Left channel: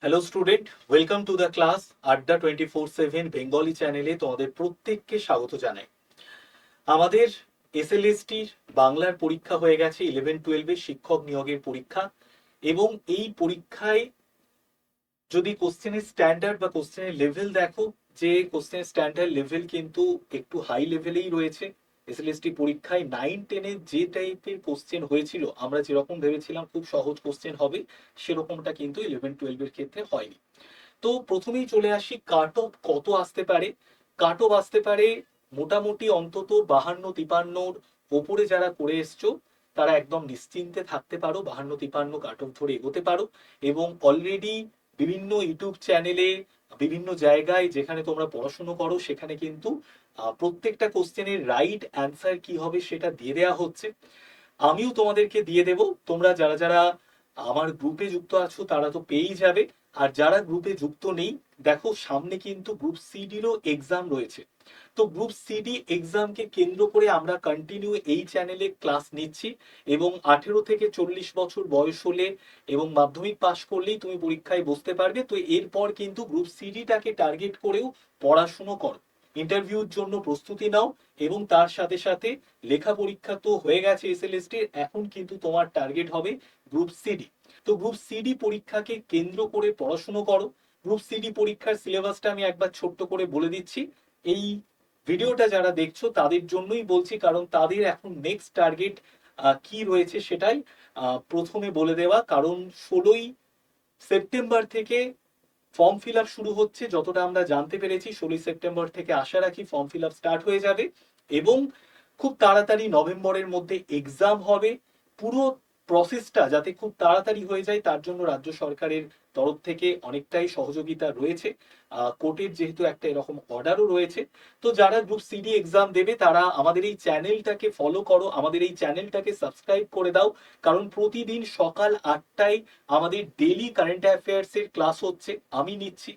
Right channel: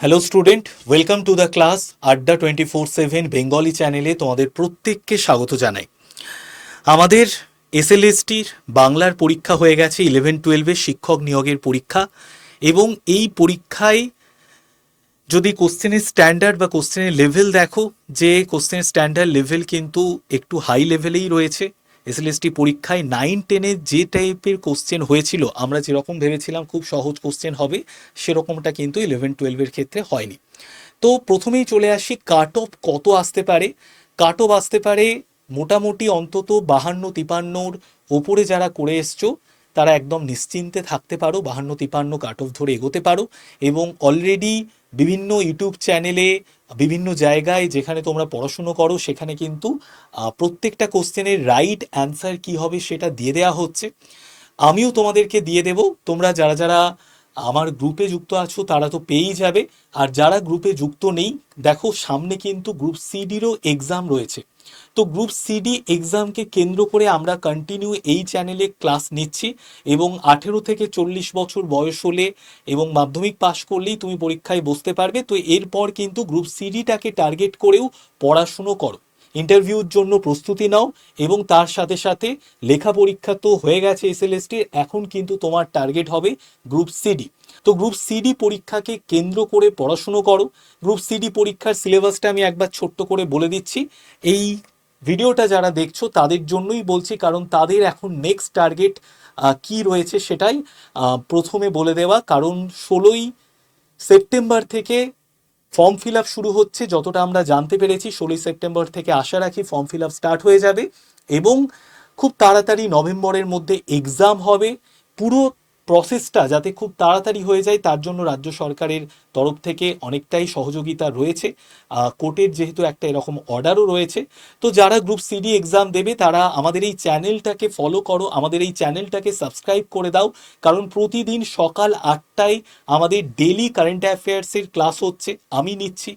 Hello student welcome to the class Adda twenty four seven Bengali চ্যানেলে তোমাদের প্রত্যেককে স্বাগত জানাই। আমাদের এসএলএসটির বাংলার পরীক্ষা হয়ে গেছে ইলেভেন টুয়েলভের শিক্ষক নিয়োগের পরীক্ষা এবং এই পরীক্ষায় যদি কোশ্চেনের স্ট্যান্ডার্ড বা কোশ্চেনের লেভেল দেখো, যে কোশ্চেনের স্ট্যান্ডার্ড লেভেল কিন্তু একটু হাই লেভেলেই রয়েছে। এসএলএসটি পরীক্ষায় নাইন টেনে যে টাইপের কোশ্চেন হয়েছিল, আমরা যেরকম ভেবেছিলাম খুব সহজ কোশ্চেন হবে, সেরকমটা কিন্তু ইলেভেন টুয়েলভের ক্ষেত্রে হয়নি। তো প্রথমেই চলে আসি কাট অফ কত আসতে পারে? কাট অফ আসতে পারে মোটামুটি অন্তত বাহান্ন, তিপান্নর ওপরে যারা করে এসছো, তারা একদম নিশ্চিন্তে থাকতে পারো, বাহান্ন, তিপান্ন কাট অফ ধরে এগোতে পারো এবং অলরেডি বিভিন্ন ইউটিউব চ্যানেলে বিভিন্ন জায়গায় যেখানে তোমরা পড়াশুনো করো, সেখানে কিন্তু প্রত্যেকটা কোশ্চেনের রাইট অ্যান্সার কি হবে সেটা দিয়ে দেওয়া হচ্ছে। আমিও তোমাদেরকে দিয়ে দেব। তোমরা যারা যারা আমার গ্রুপে যুক্ত আছো, তারা তো পেয়েই যাবে। আর যারা গ্রুপে যুক্ত নেই, দেখো সামনে কিন্তু গ্রুপ সিডিরও এক্সাম রয়েছে। তো গ্রুপ সিডি এক্সামকে কেন্দ্র করে আমরা কন্টিনিউ এই চ্যানেলে ক্লাস নিচ্ছি এবং আঠেরো থেকে চল্লিশ বছর বয়স হলে এবং মাধ্যমিক পাশ করলেই তুমি পরীক্ষায় বসতে পারবে। তো এরপর কিন্তু গ্রুপ সিডিটাকে টার্গেট করেও পড়াশুনো করো। ইন্টারভিউর জন্য প্রস্তুতি নাও এবং তার সাথে সাথে লেখা পরীক্ষা তো হয়ে গেছে এসএলএসটি এখন কিন্তু তোমার টার্গেট হবে গ্রুপ সিডি তো গ্রুপ সিডি পরীক্ষাকে কেন্দ্র করে পড়াশুনো করো। গ্রুপ সিডি পরীক্ষার সিলেবাসটা আমি একবার ছোট্ট করে বলে দিচ্ছি। এই ভিডিওটা যারা দেখছ তাদের জন্যই বলছি, কারণ তাদের এখন নেক্সট টার্গেট কি রয়েছে সেটাই প্রথমে বলে দেওয়া। কারণ ষোলোই সেপ্টেম্বর থেকে ফর্ম ফিল আপ শুরু হচ্ছে, যতটা আমরা জানতে পেরেছি, ষোলোই সেপ্টেম্বর থেকে আশা রাখি ফর্ম ফিল আপ স্টার্ট হয়ে যাবে এবং খুব তাড়াতাড়ি নভেম্বরের মধ্যে এক্সাম হবে। পুরো প্রসেসটা যাতে খুব তাড়াতাড়ি হয়ে যায়, তার জন্য রাজ্য সরকারের তরফ থেকে অনেকটাই সহযোগিতা রয়েছে। কোর্টের যেহেতু একটা এরকম অর্ডারও রয়েছে, তো যারা গ্রুপ সিডি এক্সাম দেবে, তারা আমাদের এই চ্যানেলটাকে ফলো করো, আমাদের এই চ্যানেলটাকে সাবস্ক্রাইব করে দাও, কারণ প্রতিদিন সকাল আটটায় আমাদের ডেলি কারেন্ট অ্যাফেয়ার্সের ক্লাস হচ্ছে, আমি নিচ্ছি।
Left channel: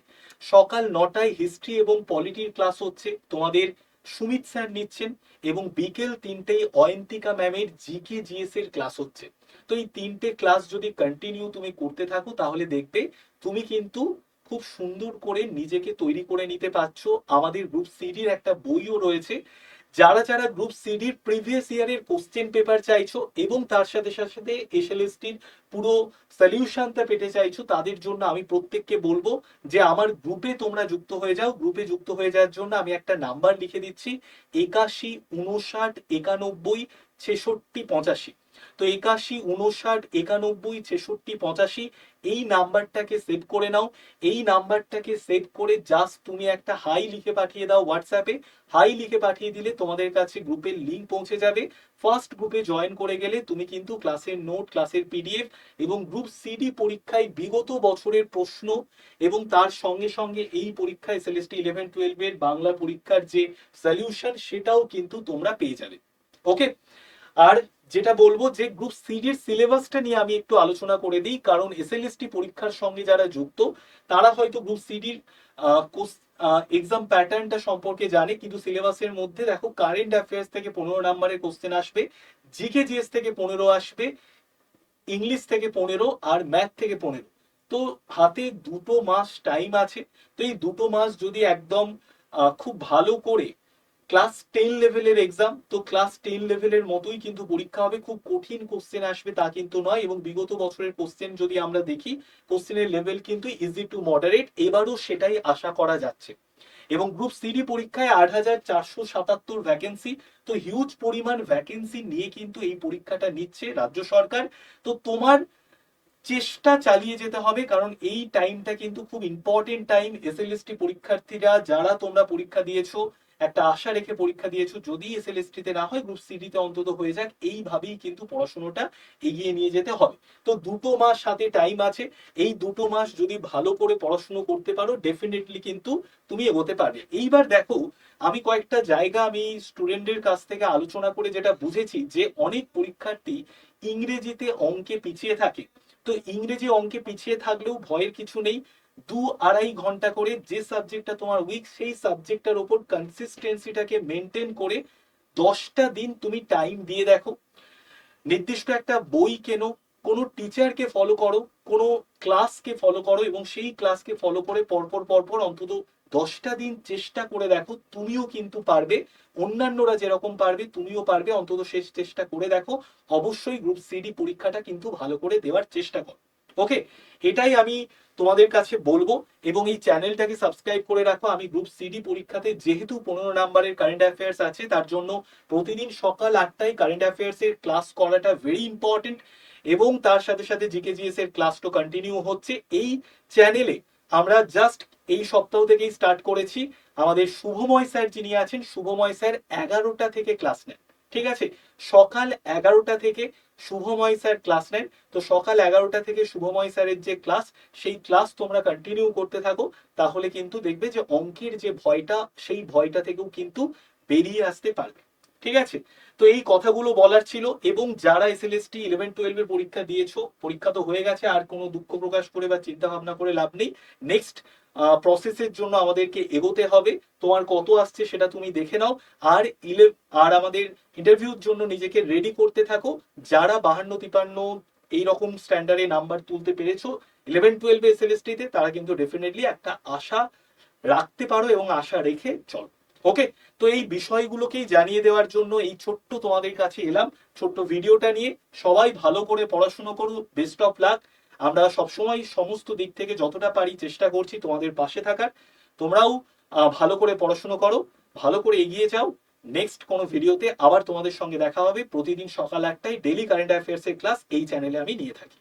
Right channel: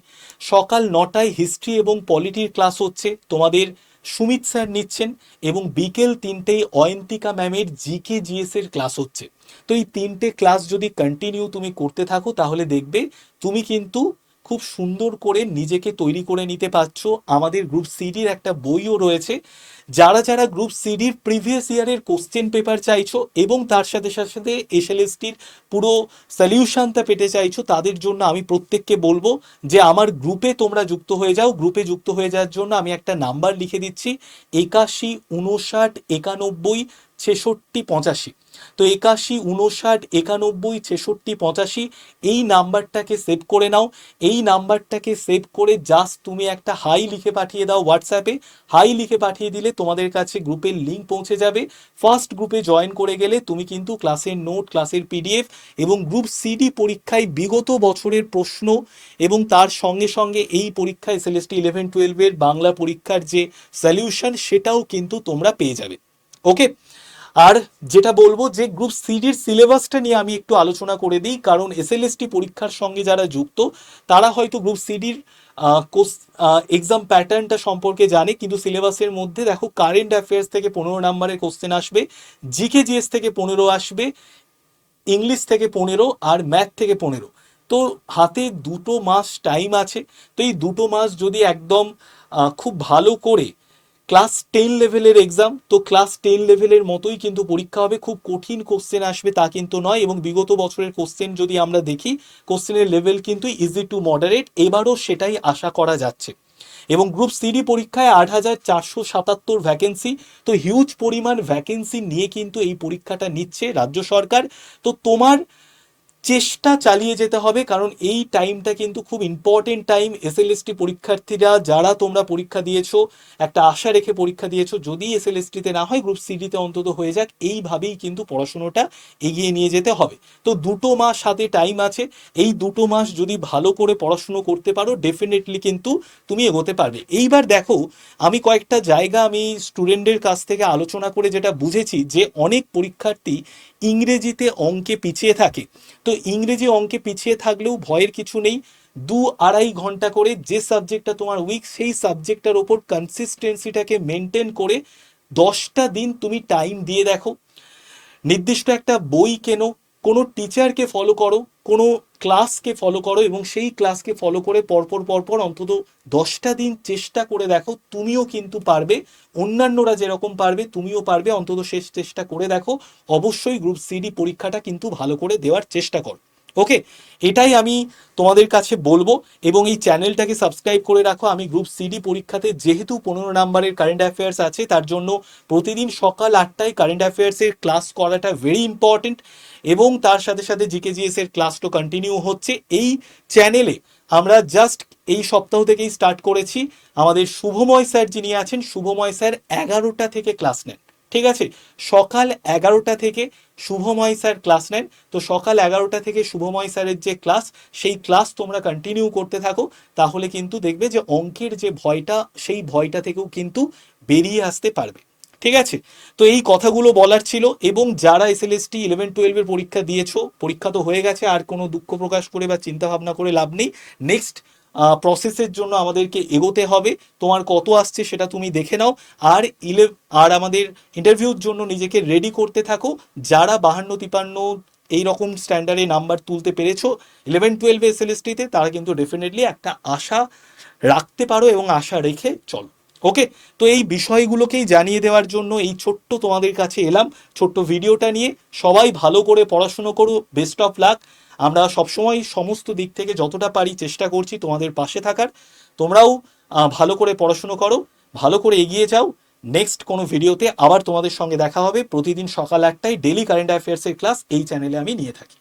সকাল নটায় হিস্ট্রি এবং পলিটির ক্লাস হচ্ছে, তোমাদের সুমিত স্যার নিচ্ছেন এবং বিকেল তিনটেই অয়ন্তিকা ম্যামের জিকে জিএস এর ক্লাস হচ্ছে। তো এই তিনটে ক্লাস যদি কন্টিনিউ তুমি করতে থাকো, তাহলে দেখবে তুমি কিন্তু খুব সুন্দর করে নিজেকে তৈরি করে নিতে পারছ। আমাদের গ্রুপ সিডির একটা বইও রয়েছে। যারা যারা গ্রুপ সিডির প্রিভিয়াস ইয়ারের কোশ্চেন পেপার চাইছো এবং তার সাথে সাথে সাথে এসএলএসটির পুরো সলিউশনটা পেতে চাইছো, তাদের জন্য আমি প্রত্যেককে বলব যে আমার গ্রুপে তোমরা যুক্ত হয়ে যাও। গ্রুপে যুক্ত হয়ে যাওয়ার জন্য আমি একটা নাম্বার লিখে দিচ্ছি, একাশি, উনষাট, একানব্বই ছেষট্টি পঁচাশি। তো একাশি, উনষাট, একানব্বই, ছেষট্টি, পঁচাশি, এই নাম্বারটাকে সেভ করে নাও। এই নাম্বারটাকে সেভ করে জাস্ট তুমি একটা হাই লিখে পাঠিয়ে দাও হোয়াটসঅ্যাপে হাই লিখে পাঠিয়ে দিলে তোমাদের কাছে গ্রুপের লিঙ্ক পৌঁছে যাবে। ফার্স্ট গ্রুপে জয়েন করে গেলে তুমি কিন্তু ক্লাসের নোট ক্লাসের পিডিএফ এবং গ্রুপ সিডি পরীক্ষায় বিগত বছরের প্রশ্ন এবং তার সঙ্গে সঙ্গে এই পরীক্ষা এসএলএসটি ইলেভেন টুয়েলভের বাংলা পরীক্ষার যে সলিউশন সেটাও কিন্তু তোমরা পেয়ে যাবে। ওকে আর যেটা বলব যে গ্রুপ সিডির সিলেবাসটা নিয়ে আমি একটু আলোচনা করে দিই, কারণ এসএলএসটি পরীক্ষার সঙ্গে যারা যুক্ত, তারা হয়তো গ্রুপ সিডির এক্সাম প্যাটার্নটা সম্পর্কে জানে, কিন্তু সিলেবাসের মধ্যে দেখো কারেন্ট অ্যাফেয়ার্স থেকে পনেরো নাম্বারের কোশ্চেন আসবে জিকে জিএস থেকে পনেরো আসবে ইংলিশ থেকে পনেরো আর ম্যাথ থেকে পনেরো। তো হাতে দুটো মাস টাইম আছে, তো এই দুটো মাস যদি একদম খুব ভালো করে ক্লাস টেন লেভেলের এক্সাম তো ক্লাস টেন লেভেলের মতোই কিন্তু পরীক্ষা হবে। খুব কঠিন কোশ্চেন আসবে তা কিন্তু নয় এবং বিগত বছরের কোশ্চেন যদি আমরা দেখি কোশ্চেনের লেভেল কিন্তু ইজি টু মডারেট এবারও সেটাই আশা করা যাচ্ছে। এবং গ্রুপ সিডি পরীক্ষায় আট হাজার চারশো সাতাত্তর ভ্যাকেন্সি তো হিউজ পরিমাণ ভ্যাকেন্সি নিয়ে কিন্তু এই পরীক্ষাটা নিচ্ছে রাজ্য সরকার। তো তোমার চেষ্টা চালিয়ে যেতে হবে, কারণ এই টাইমটা কিন্তু খুব ইম্পর্টেন্ট টাইম এসএলএসটি পরীক্ষার্থীরা, যারা তোমরা পরীক্ষা দিয়েছ, একটা আশা রেখে পরীক্ষা দিয়েছ, যদি এসএলএসটিতে না হয় গ্রুপ সিডিতে অন্তত হয়ে যাক, এইভাবেই কিন্তু পড়াশোনাটা এগিয়ে নিয়ে যেতে হবে। তো দুটো মাস হাতে টাইম আছে, এই দুটো মাস যদি ভালো করে পড়াশুনো করতে পারো ডেফিনেটলি কিন্তু তুমি এগোতে পারবে। এইবার দেখো, আমি কয়েকটা জায়গা আমি স্টুডেন্টদের কাছ থেকে আলোচনা করে যেটা বুঝেছি, যে অনেক পরীক্ষার্থী ইংরেজিতে অঙ্কে পিছিয়ে থাকে। তো ইংরেজি অঙ্কে পিছিয়ে থাকলেও ভয়ের কিছু নেই। দু আড়াই ঘণ্টা করে যে সাবজেক্টটা তোমার উইক সেই সাবজেক্টটার ওপর কনসিস্টেন্সিটাকে মেনটেন করে দশটা দিন তুমি টাইম দিয়ে দেখো। নির্দিষ্ট একটা বই কেনো কোনো টিচারকে ফলো করো, কোনো ক্লাসকে ফলো করো এবং সেই ক্লাসকে ফলো করে পরপর পরপর অন্তত দশটা দিন চেষ্টা করে দেখো, তুমিও কিন্তু পারবে, অন্যান্যরা যেরকম পারবে, তুমিও পারবে, অন্তত শেষ চেষ্টা করে দেখো। অবশ্যই গ্রুপ সিডি পরীক্ষাটা কিন্তু ভালো করে দেওয়ার চেষ্টা করো। ওকে এটাই আমি তোমাদের কাছে বলব এবং এই চ্যানেলটাকে সাবস্ক্রাইব করে রাখো। আমি গ্রুপ সিডি পরীক্ষাতে যেহেতু পনেরো নাম্বারের কারেন্ট অ্যাফেয়ার্স আছে, তার জন্য প্রতিদিন সকাল আটটায় কারেন্ট অ্যাফেয়ার্সের ক্লাস করাটা ভেরি ইম্পর্টেন্ট এবং তার সাথে সাথে জিকে জিএস এর ক্লাসটা কন্টিনিউ হচ্ছে। এই চ্যানেলে আমরা জাস্ট এই সপ্তাহ থেকেই স্টার্ট করেছি। আমাদের শুভময় স্যার যিনি আছেন, শুভময় স্যার এগারোটা থেকে ক্লাস নেন। ঠিক আছে? সকাল এগারোটা থেকে শুভময় স্যার ক্লাস নেন। তো সকাল এগারোটা থেকে শুভময় স্যারের যে ক্লাস, সেই ক্লাস তোমরা কন্টিনিউ করতে থাকো। তাহলে কিন্তু দেখবে যে অঙ্কের যে ভয়টা, সেই ভয়টা থেকেও কিন্তু বেরিয়ে আসতে পারবে। ঠিক আছে? তো এই কথাগুলো বলার ছিল এবং যারা এসএলএসটি ইলেভেন টুয়েলভের পরীক্ষা দিয়েছ, পরীক্ষা তো হয়ে গেছে, আর কোনো দুঃখ প্রকাশ করে বা চিন্তা ভাবনা করে লাভ নেই। নেক্সট প্রসেসের জন্য আমাদেরকে এগোতে হবে। তোমার কত আসছে সেটা তুমি দেখে নাও। আর ইলে আর আমাদের ইন্টারভিউর জন্য নিজেকে রেডি করতে থাকো। যারা বাহান্ন তিপান্ন এই রকম স্ট্যান্ডার্ডে নাম্বার তুলতে পেরেছ ইলেভেন টুয়েলভে এসএলএসটিতে তারা কিন্তু ডেফিনেটলি একটা আশা রাখতে পারো এবং আশা রেখে চলো। ওকে তো এই বিষয়গুলোকেই জানিয়ে দেওয়ার জন্য এই ছোট্ট তোমাদের কাছে এলাম। ছোট্ট ভিডিওটা নিয়ে সবাই ভালো করে পড়াশুনো করো। বেস্ট অফ লাক আমরা সবসময় সমস্ত দিক থেকে যতটা পারি চেষ্টা করছি তোমাদের পাশে থাকার। তোমরাও ভালো করে পড়াশুনো করো, ভালো করে এগিয়ে যাও। নেক্সট কোনো ভিডিওতে আবার তোমাদের সঙ্গে দেখা হবে। প্রতিদিন সকাল আটটায় ডেলি কারেন্ট অ্যাফেয়ার্সের ক্লাস এই চ্যানেলে আমি নিয়ে থাকি।